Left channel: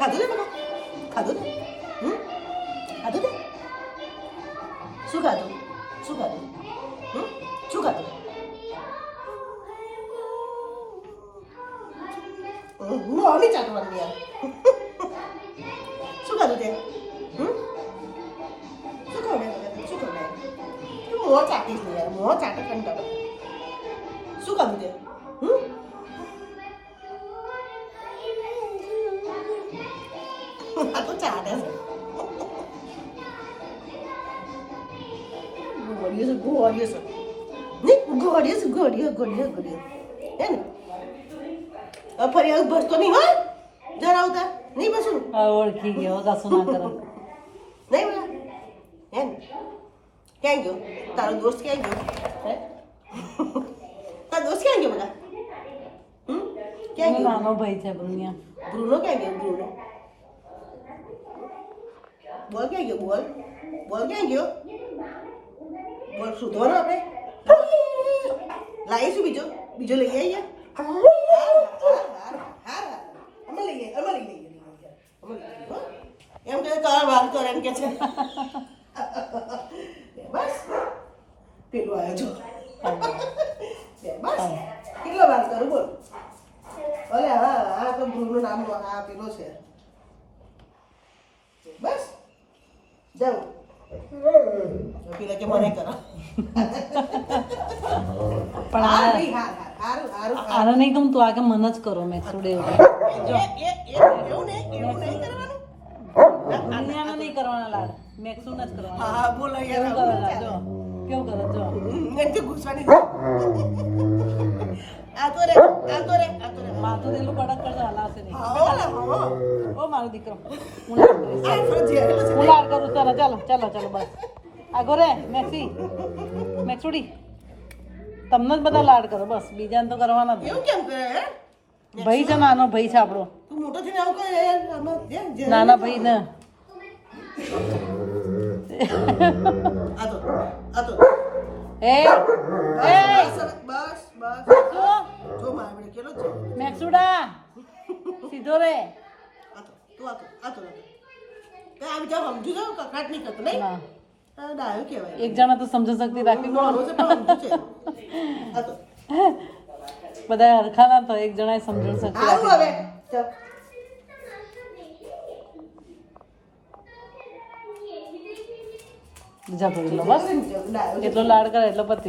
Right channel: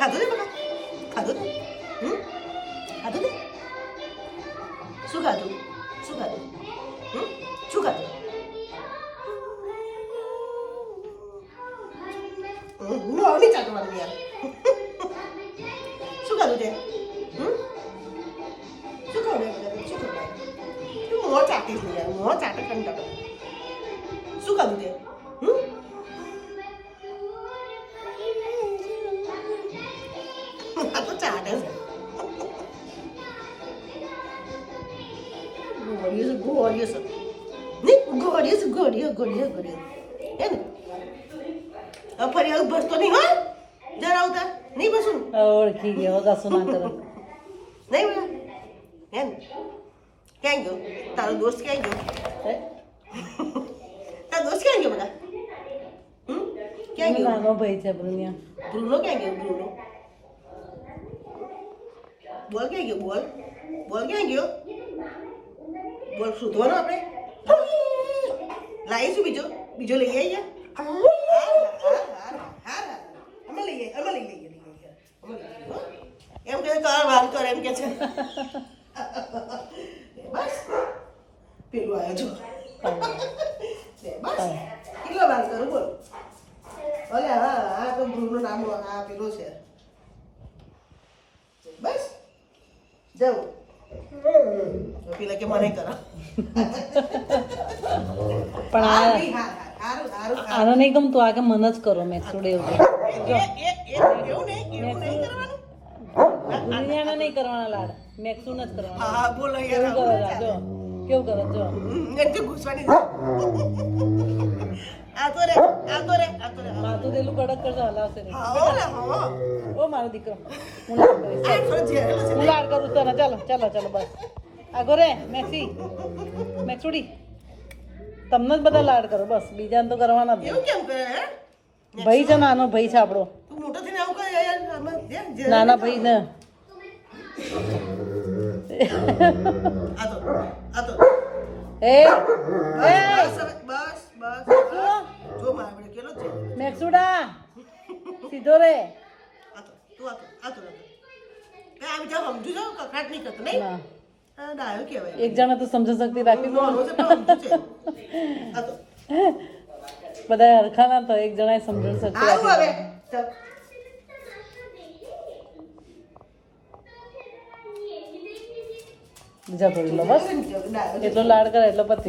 ખાધું ને ખાધું ને ખાધું ને શું ખાધું શું ખાધું શું ખાધું હું આવી ચાટવાનું યાર શું ખાધું તે શું ખવડાય શું ખવડાય તું મોં ચાટીશ ને યાર મોં ચાટે કંટાળે શું ખાધું તે આ તો ચાટે ગોળીઓ હે ને ફરી આવું ભરતો નહીં હા જરા આવતા નહીં પછી ઓળખી ગયો કશું ના કરે નહીં બોલા એમ ક્યાં ગયો તારો દોસ્ત ક્યાં ગયો તારો દોસ્ત ક્યાં ગયો બધા ક્યાં ગયો નાનો ભાઈ છે બ્રુનિયા બ્રુનો ક્યાં ગયો બ્રુનો બોલ ક્યાં ગયો બોલ બોલ ક્યાં ગયો બોલ શોધવાનો આપણે લાવીશું બીજો બીજો લઈ આવીએ અમે લઈએ એમ કે તારો વાગતો એમ કે છે બસ પેલું આવ્યો છો બસ કેટલો વાત કરું બોલ ભલે હા આ તો ભૂલનું નામ આ પેલો છે બસ જાઉં પેલા કે મને કરો પણ આને નહીં ગમતું આ કે મન જ કરો મેં સુડે એવું દુનિયાને નહીં કરવાના લાડ મેક્સું જ કરવાના એવું કરો જો કેવું કરો જો માથું તેલું કડક કરજો હલાવશે નહીં ઓ મારો દીકરો હું લાડ કરીશ હું લાડ કરું ચાલો ચાલો ચાલો ચાલો બસ આગો રે મેક્સુડી તમને જ બધા લાડ કરો બસ બીજાને તો કરવાના જ ભાઈ છે નાનો ભાઈ છે આપણો નાના ભાઈ ને મેક્સુડા સીધો રે એક જણા તો સમજ શક્તિ રાખવી બધા હરખા ના તો એક જણાએ સમજણ શક્તિ રાખી બીજા ભરી લો બસ એટલો લાડ કરે એટલે પતી